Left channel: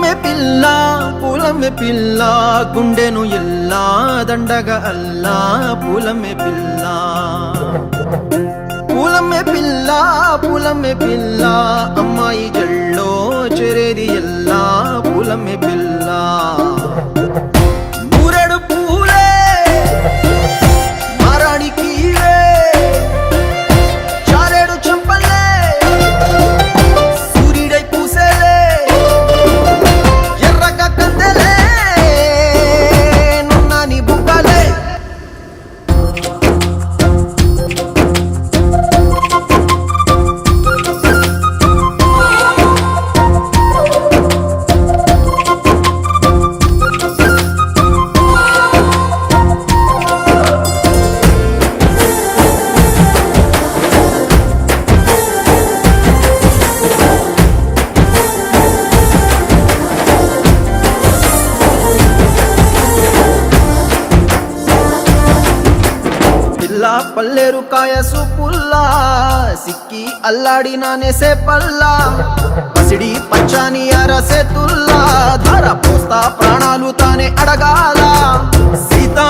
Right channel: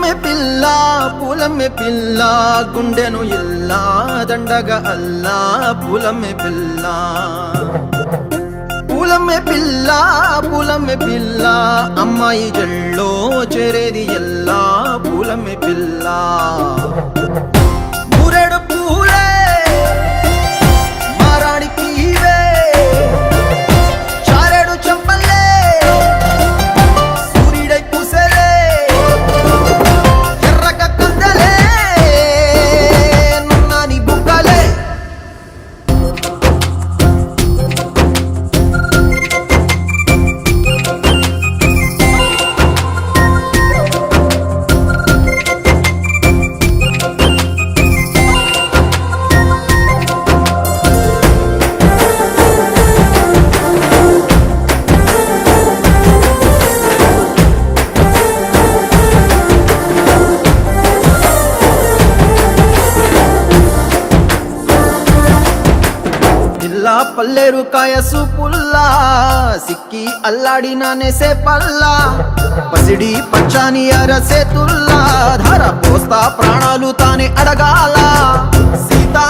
పూలమే పిల్ల గుండెను ఇల్లా దండగ అల్లా పూలమే పిల్ల పూలమే పిల్ల అమ్మాయి జల్లో చేరేది ఎల్లా పూలమే పిల్ల ఊరెడు పూలే మారాడికి చారెడు చెప్పలే సూర్యుడై పూసే ఎర్రగ కందలే నున్నాని బుక్కలే పల్లెరు కాయ సూపుల్లా సిక్కి అల్లాడినానే సే పల్లా పసిడి పచ్చాని అరసే తుల్లా ధర పోస్తా ప్రాణాలు తానే అడగాల సీతా